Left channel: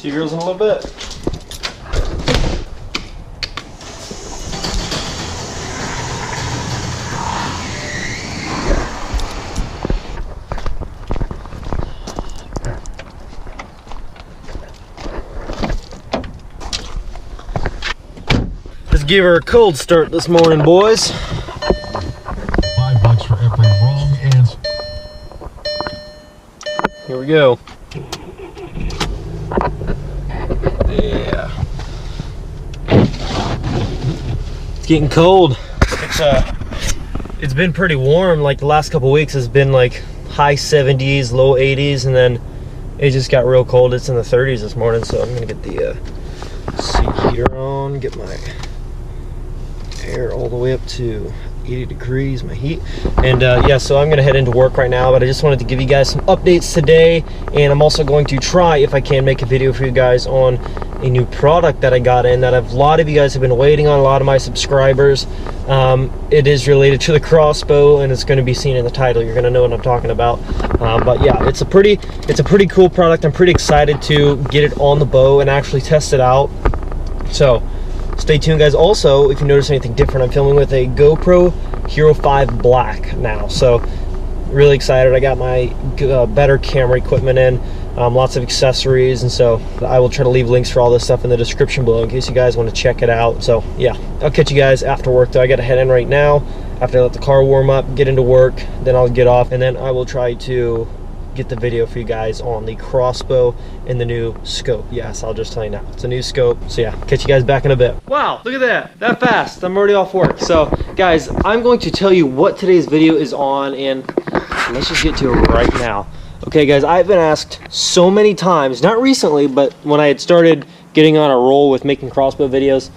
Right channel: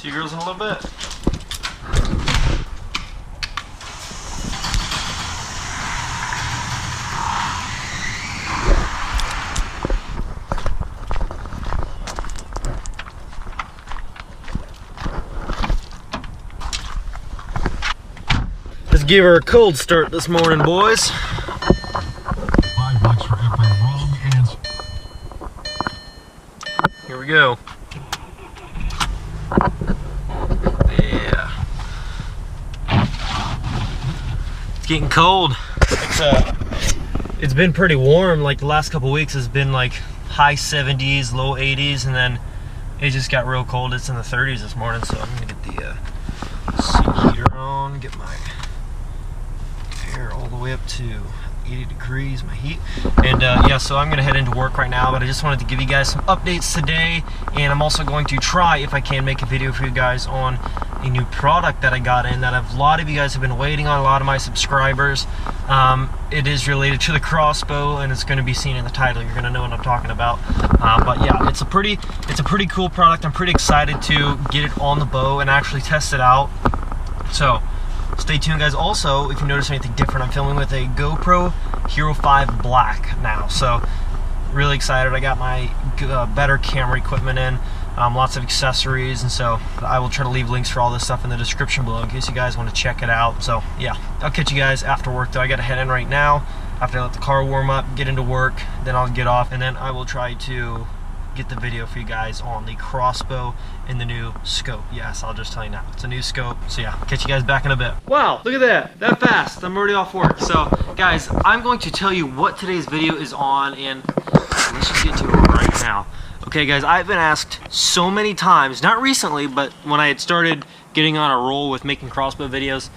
See you girls in a little bit. Let's give her a cold start this morning, boys. $5 for every wrong answer. Here we go. Yeah. It's getting cold. It's been pretty warm. Like the last couple weeks has been like high 70s, low 80s, and then it just got real cold. It's in the 30s this morning, so I'm gonna get the seat heater on, get my air all the way up to 80 degrees, my heat. And yeah, so I'm gonna head into work right now, but I just wanted to give you guys some updates today, and I'm also going to try, if I can, make a video for you guys on a new product that I got in that a lot of you guys have been waiting on, a lot of my subscribers. It is related to the CROSSBOW, and it's going to be seen in the title. You're going to know what I'm talking about. But yeah, it's a pretty cool product. I'm pretty excited to get it on the bow and actually test it out. So stay tuned, guys. Also, if you notice anything different, I'm filming with a GoPro Hero 5 Black now, so really excited. I got my better camera equipment in, lots of accessories, and so I will try to leave links for all this stuff in the description below in case you guys want to check it out. So yeah, I'll catch you guys after work though. I gotta head in right now after I let the car warm up, get into work, then I'll get off, and then I will try to get the video for you guys on the CROSSBOW and the new scope. Yes, I'll just tell you now, it's a new scope. So yeah, catch you guys back in a bit. Wow, look at that fast. I'm already off work. So guys, I'm going to tell you what today's video is on, and let's just get to it right now. Okay guys, I've been asked so many times, not recently, but when I had started getting on a roll with making CROSSBOW videos,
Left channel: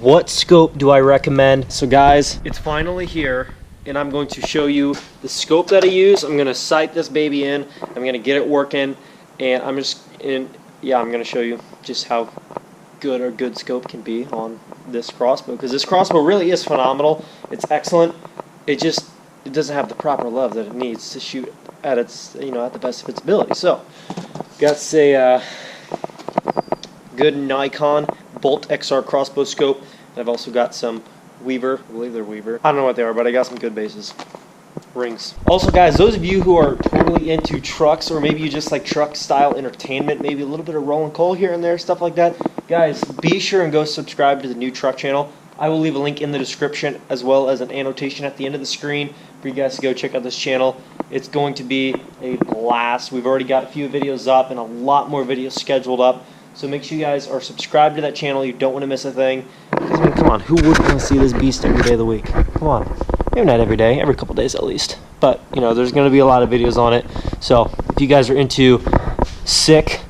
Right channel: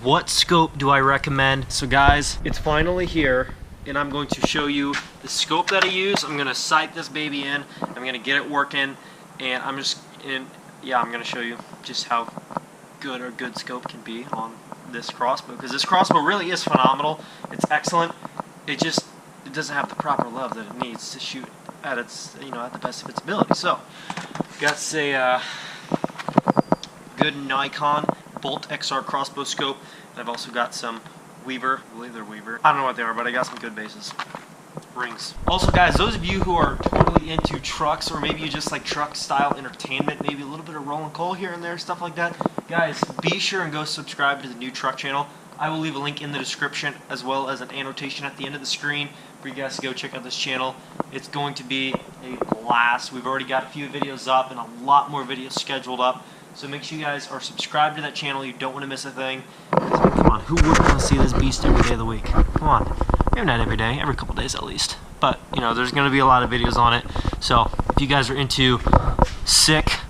what scope do I recommend? So guys, it's finally here, and I'm going to show you the scope that I use. I'm gonna sight this baby in, I'm gonna get it working, and I'm gonna show you just how good a good scope can be on this CROSSBOW, because this CROSSBOW really is phenomenal. It's excellent. It doesn't have the proper love that it needs to shoot at its, at the best of its ability. So, got a good Nikon Bolt XR CROSSBOW scope, and I've also got some Weaver, I believe they're Weaver. I don't know what they are, but I got some good bases. Rings. Also guys, those of you who are totally into trucks, or maybe you just like truck style entertainment, maybe a little bit of rolling coal here and there, stuff like that, guys, be sure and go subscribe to the new truck channel. I will leave a link in the description as well as an annotation at the end of the screen for you guys to go check out this channel. It's going to be a blast. We've already got a few videos up and a lot more videos scheduled up. So make sure you guys are subscribed to that channel. You don't want to miss a thing. Because, I mean, come on, who wouldn't want to see this beast every day of the week? Come on. Maybe not every day, every couple days at least. But, there's going to be a lot of videos on it. So if you guys are into sick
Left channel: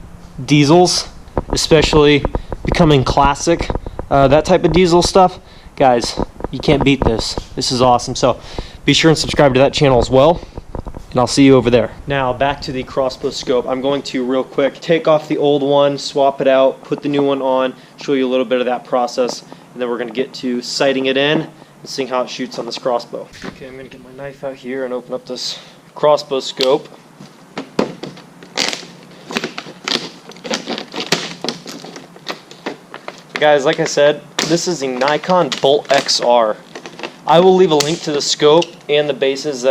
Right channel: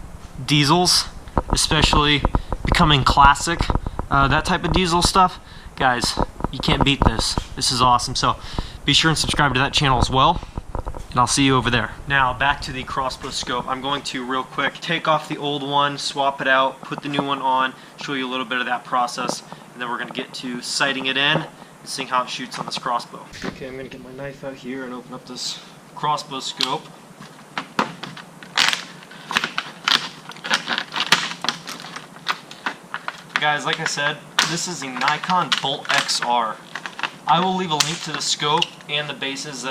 diesels, especially becoming classic, that type of diesel stuff, guys, you can't beat this. This is awesome. So be sure and subscribe to that channel as well, and I'll see you over there. Now back to the CROSSBOW scope. I'm going to real quick take off the old one, swap it out, put the new one on, show you a little bit of that process, and then we're going to get to sighting it in and seeing how it shoots on this CROSSBOW. Okay, I'm going to get my knife out here and open up this CROSSBOW scope. Guys, like I said, this is a Nikon Bolt XR. I will leave a link to the scope and the bases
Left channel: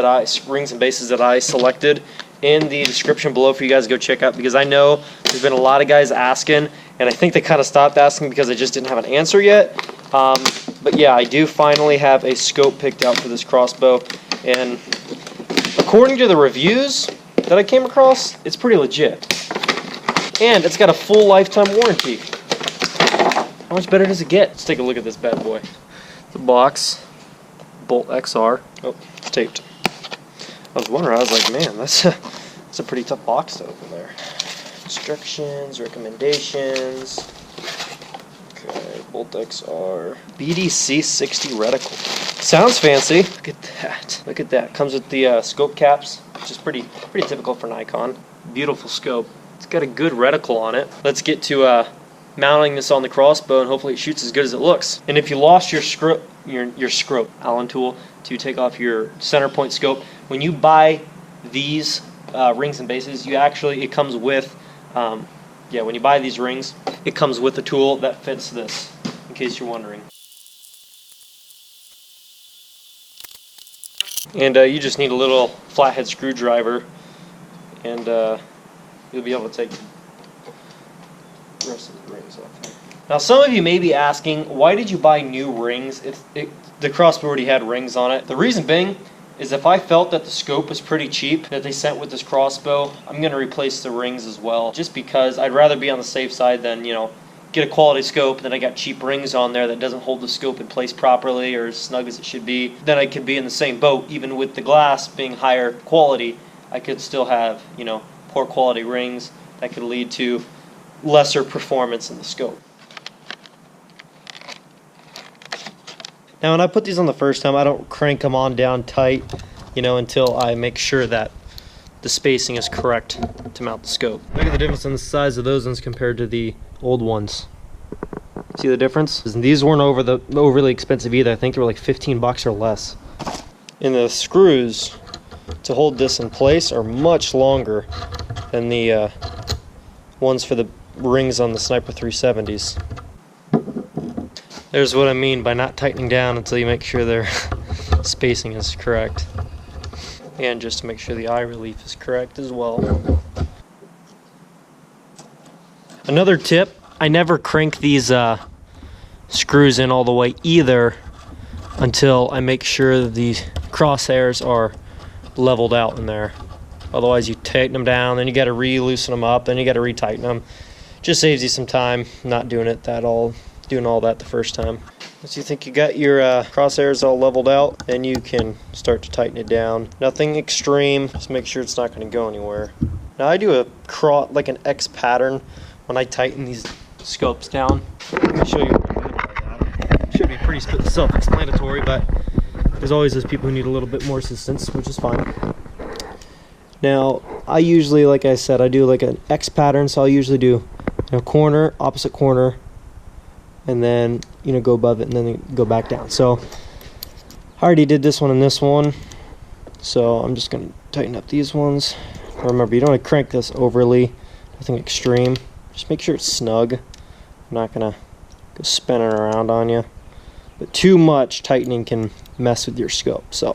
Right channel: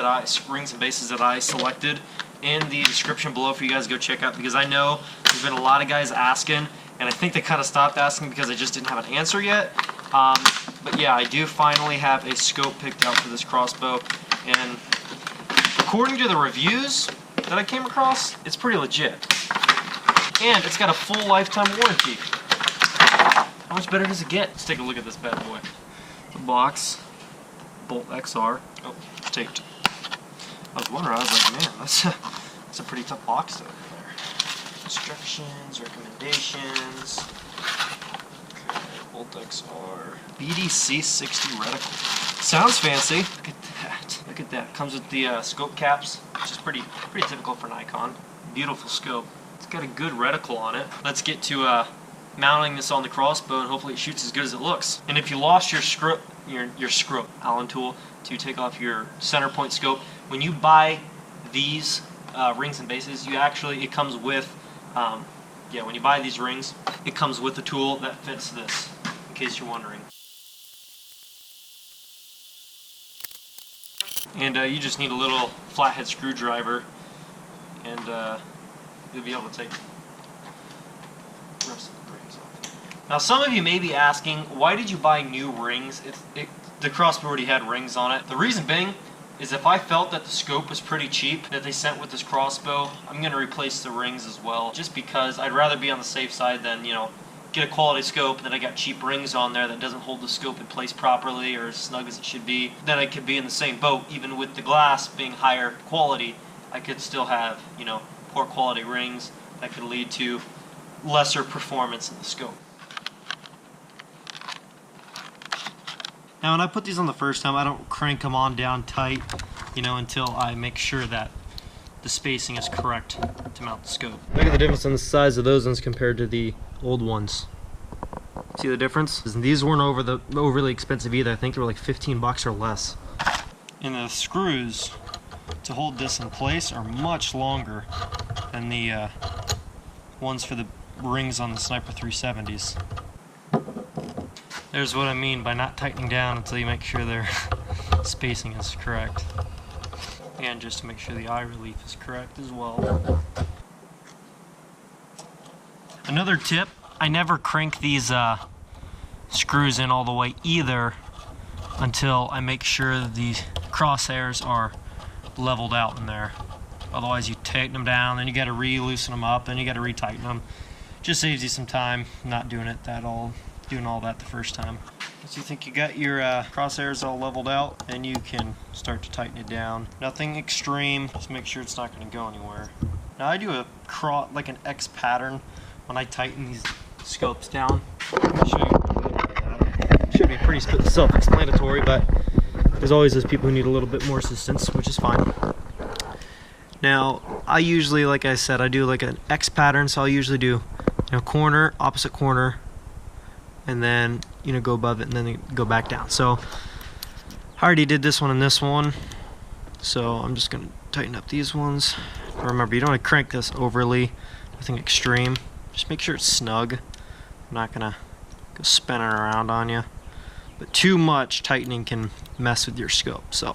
rings and bases that I selected in the description below for you guys to go check out, because I know there's been a lot of guys asking, and I think they kind of stopped asking because I just didn't have an answer yet. But yeah, I do finally have a scope picked out for this CROSSBOW, and according to the reviews that I came across, it's pretty legit. And it's got a full lifetime warranty. How much better does it get? Let's take a look at this bad boy. The box, Bolt XR. Oh, it's taped. I was wondering, I was like, man, that's a pretty tough box to open there. Instructions, recommendations. Okay, Bolt XR. BDC 60 reticle. Sounds fancy. Look at that. Look at that. Comes with the scope caps, which is pretty typical for Nikon. Beautiful scope. It's got a good reticle on it. Let's get to mounting this on the CROSSBOW, and hopefully it shoots as good as it looks. And if you lost your scope Allen tool to take off your CenterPoint scope, when you buy these rings and bases, it comes with Yeah, when you buy these rings, it comes with a tool that fits this, in case you're wondering. And you just need a little flathead screwdriver, and you'll be able to take the rest of the rings off here. Now, some of you may be asking, why did you buy new rings? The CROSSBOW already had rings on it. The reason being is if I felt that the scope was pretty cheap that they sent with this CROSSBOW, I'm going to replace the rings as well, just because I'd rather be on the safe side than, you know, get a quality scope and then I got cheap rings on there that doesn't hold the scope in place properly or as snug as it should be. Then I could be in the same boat. Even with the glass being higher quality, I could still have, you know, poor quality rings that could lead to lesser performance in the scope. Now when I put these on the first time, I don't crank them on down tight, you know, until I make sure that the spacing is correct to mount the scope. Look at the difference in the size of those ones compared to the old ones. See the difference? And these weren't overly expensive either. I think they were like 15 bucks or less. And the screws to hold this in place are much longer than the ones for the rings on the Sniper 370s. There's what I mean by not tightening down until you make sure their spacing is correct. And just to make sure the eye relief is correct as well. Another tip, I never crank these screws in all the way either until I make sure that the crosshairs are leveled out in there. Otherwise you tighten them down, then you got to re-loosen them up, then you got to re-tighten them. Just saves you some time not doing all that the first time. Once you think you got your crosshairs all leveled out, then you can start to tighten it down. Nothing extreme, just make sure it's not going to go anywhere. Now I do like an X pattern when I tighten these scopes down. Let me show you what I mean by that. It should be pretty self-explanatory, but there's always those people who need a little bit more assistance, which is fine. Now, I usually, like I said, I do like an X pattern, so I'll usually do, you know, corner, opposite corner, and then, you know, go above it and then go back down. So I already did this one and this one, so I'm just going to tighten up these ones. Remember, you don't want to crank this overly, nothing extreme. Just make sure it's snug. I'm not going to go spinning around on you. But too much tightening can mess with your scope. So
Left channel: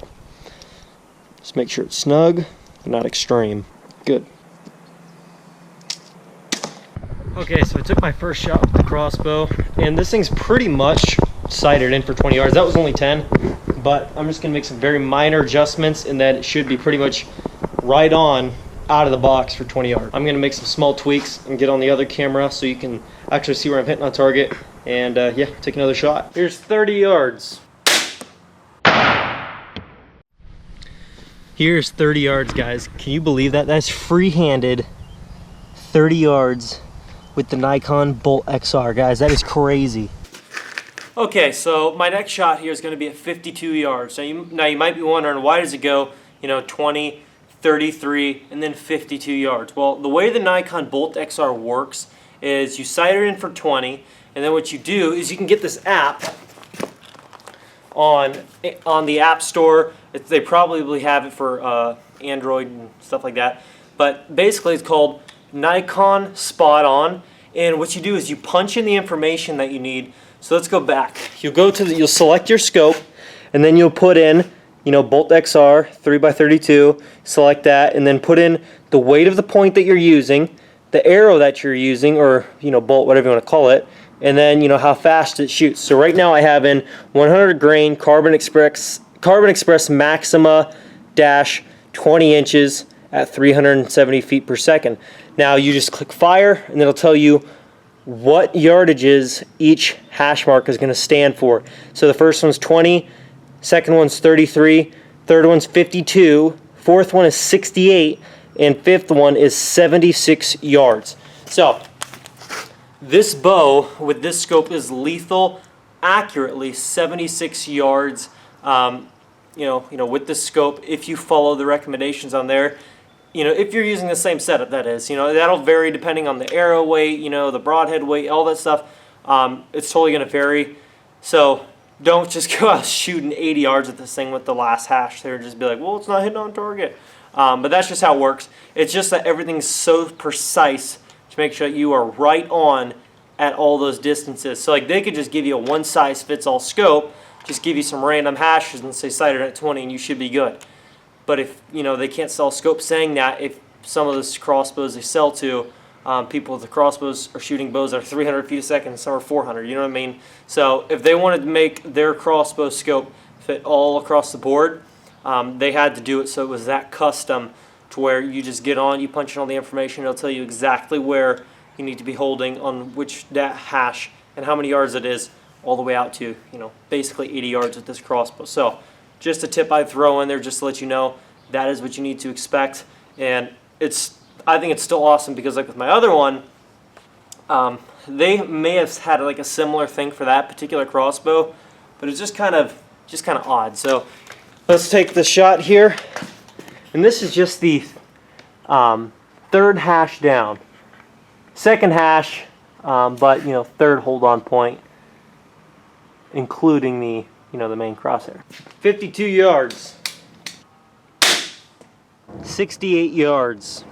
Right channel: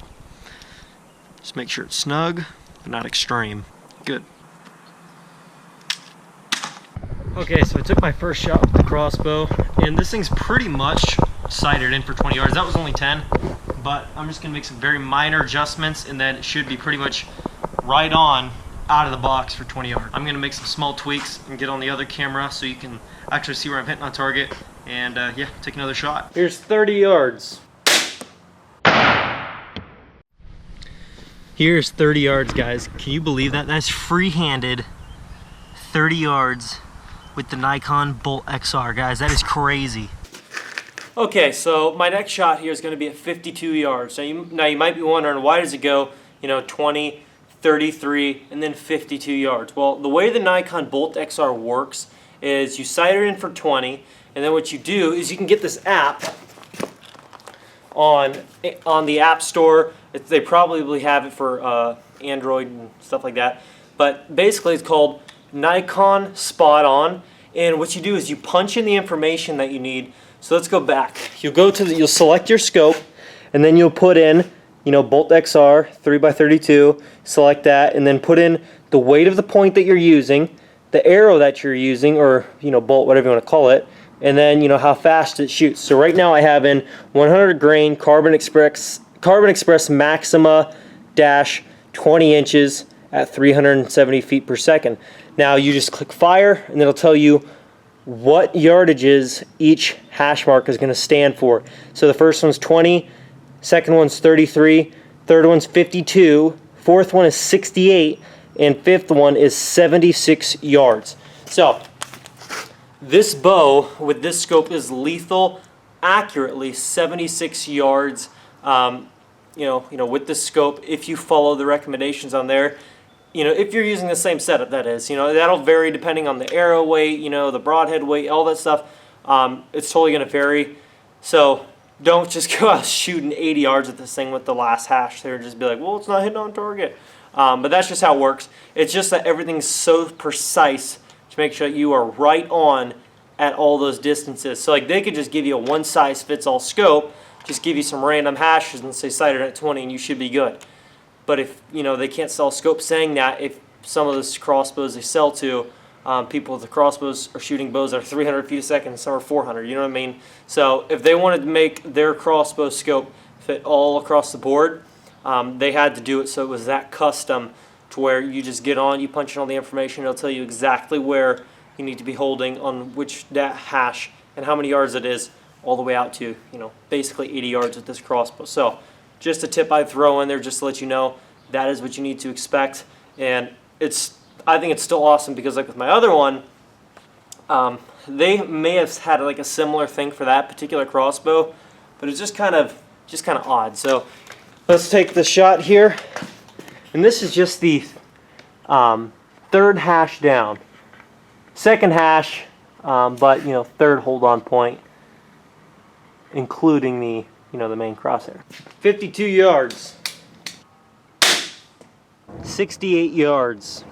just make sure it's snug, but not extreme. Good. Okay, so I took my first shot with the CROSSBOW, and this thing's pretty much sighted in for 20 yards. That was only 10, but I'm just going to make some very minor adjustments, and then it should be pretty much right on out of the box for 20 yards. I'm going to make some small tweaks and get on the other camera so you can actually see where I'm hitting on target, and yeah, take another shot. Here's 30 yards. Here's 30 yards, guys. Can you believe that? That's free-handed 30 yards with the Nikon Bolt XR, guys. That is crazy. Okay, so my next shot here is going to be at 52 yards. Now you might be wondering, why does it go, you know, 20, 33, and then 52 yards? Well, the way the Nikon Bolt XR works is you sight it in for 20, and then what you do is you can get this app on the App Store. They probably have it for Android and stuff like that. But basically, it's called Nikon Spot On. And what you do is you punch in the information that you need. So let's go back. You'll select your scope, and then you'll put in, you know, Bolt XR 3x32. Select that, and then put in the weight of the point that you're using, the arrow that you're using, or, you know, bolt, whatever you want to call it, and then, you know, how fast it shoots. So right now I have in 100 grain Carbon Express Maxima dash 20 inches at 370 feet per second. Now you just click fire, and it'll tell you what yardages each hash mark is going to stand for. So the first one's 20, second one's 33, third one's 52, fourth one is 68, and fifth one is 76 yards. So this bow with this scope is lethal, accurately 76 yards. You know, with this scope, if you follow the recommendations on there. You know, if you're using the same setup, that is. You know, that'll vary depending on the arrow weight, you know, the broadhead weight, all that stuff. It's totally going to vary. So don't just go out shooting 80 yards at this thing with the last hash there and just be like, well, it's not hitting on target. But that's just how it works. It's just that everything's so precise to make sure that you are right on at all those distances. So like they could just give you a one-size-fits-all scope, just give you some random hashes and say sight it at 20 and you should be good. But if, you know, they can't sell scopes saying that, if some of those crossbows they sell to, people with the crossbows are shooting bows that are 300 feet a second and some are 400, you know what I mean? So if they wanted to make their crossbow scope fit all across the board, they had to do it so it was that custom to where you just get on, you punch in all the information, it'll tell you exactly where you need to be holding on which that hash and how many yards it is, all the way out to, you know, basically 80 yards with this crossbow. So just a tip I'd throw in there just to let you know that is what you need to expect. And I think it's still awesome because like with my other one, they may have had like a similar thing for that particular crossbow, but it's just kind of odd. So let's take the shot here, and this is just the third hash down, second hash, but you know, third hold on point, including the, you know, the main crosshair. 52 yards, 68 yards,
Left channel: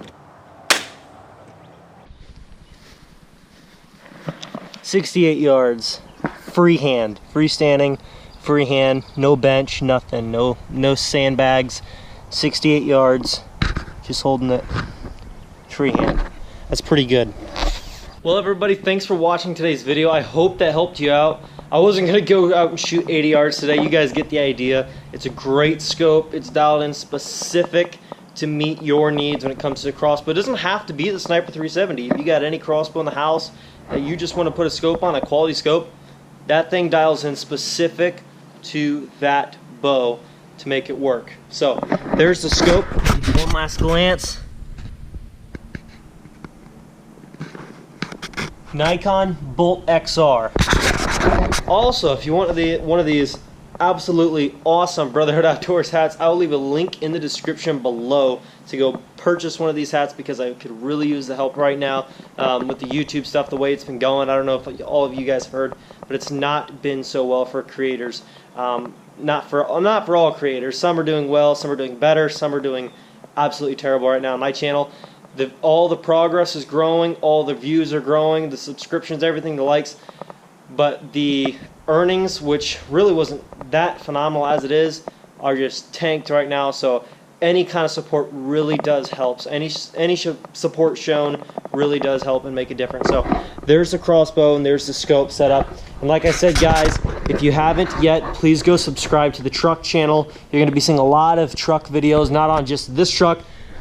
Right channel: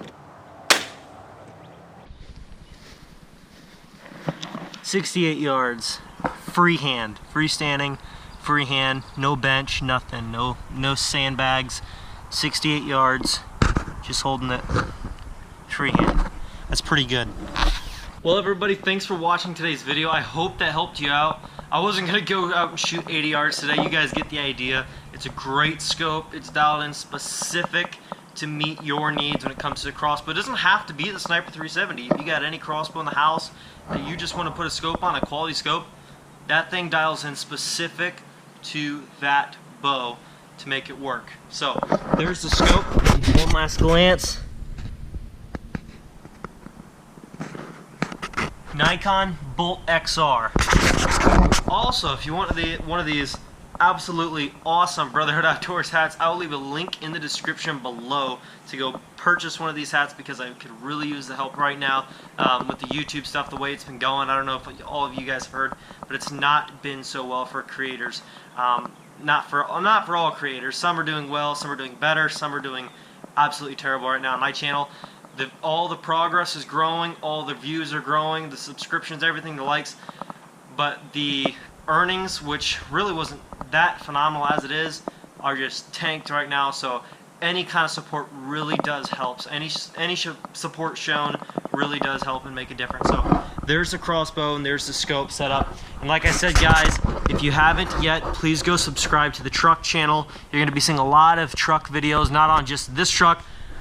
68 yards, freehand, freestanding, freehand, no bench, nothing, no sandbags, 68 yards, just holding it freehand. That's pretty good. Well, everybody, thanks for watching today's video. I hope that helped you out. I wasn't gonna go out and shoot 80 yards today. You guys get the idea. It's a great scope. It's dialed in specific to meet your needs when it comes to the crossbow. It doesn't have to be the Sniper 370. If you got any crossbow in the house that you just want to put a scope on, a quality scope, that thing dials in specific to that bow to make it work. So there's the scope. One last glance. Nikon Bolt XR. Also, if you want one of these absolutely awesome Brotherhood Outdoors hats, I'll leave a link in the description below to go purchase one of these hats because I could really use the help right now with the YouTube stuff, the way it's been going. I don't know if all of you guys have heard, but it's not been so well for creators. Not for all creators. Some are doing well, some are doing better, some are doing absolutely terrible right now on my channel. All the progress is growing, all the views are growing, the subscriptions, everything, the likes, but the earnings, which really wasn't that phenomenal as it is, are just tanked right now. So any kind of support really does help. So any support shown really does help and make a difference. So there's the crossbow and there's the scope setup. And like I said, guys, if you haven't yet, please go subscribe to the truck channel. You're going to be seeing a lot of truck videos, not on just this truck,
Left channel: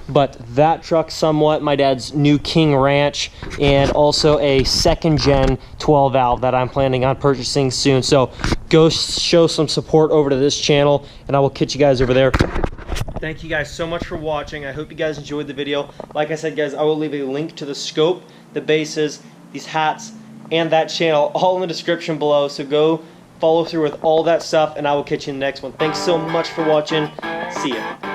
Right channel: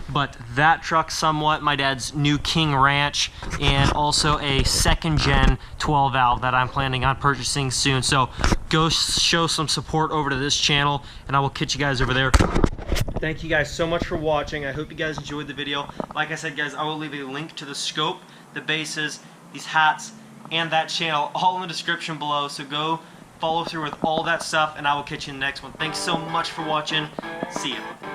but that truck somewhat, my dad's new King Ranch, and also a second gen 12 valve that I'm planning on purchasing soon. So go show some support over to this channel and I will catch you guys over there. Thank you guys so much for watching. I hope you guys enjoyed the video. Like I said, guys, I will leave a link to the scope, the bases, these hats, and that channel all in the description below. So go follow through with all that stuff and I will catch you in the next one. Thanks so much for watching. See ya.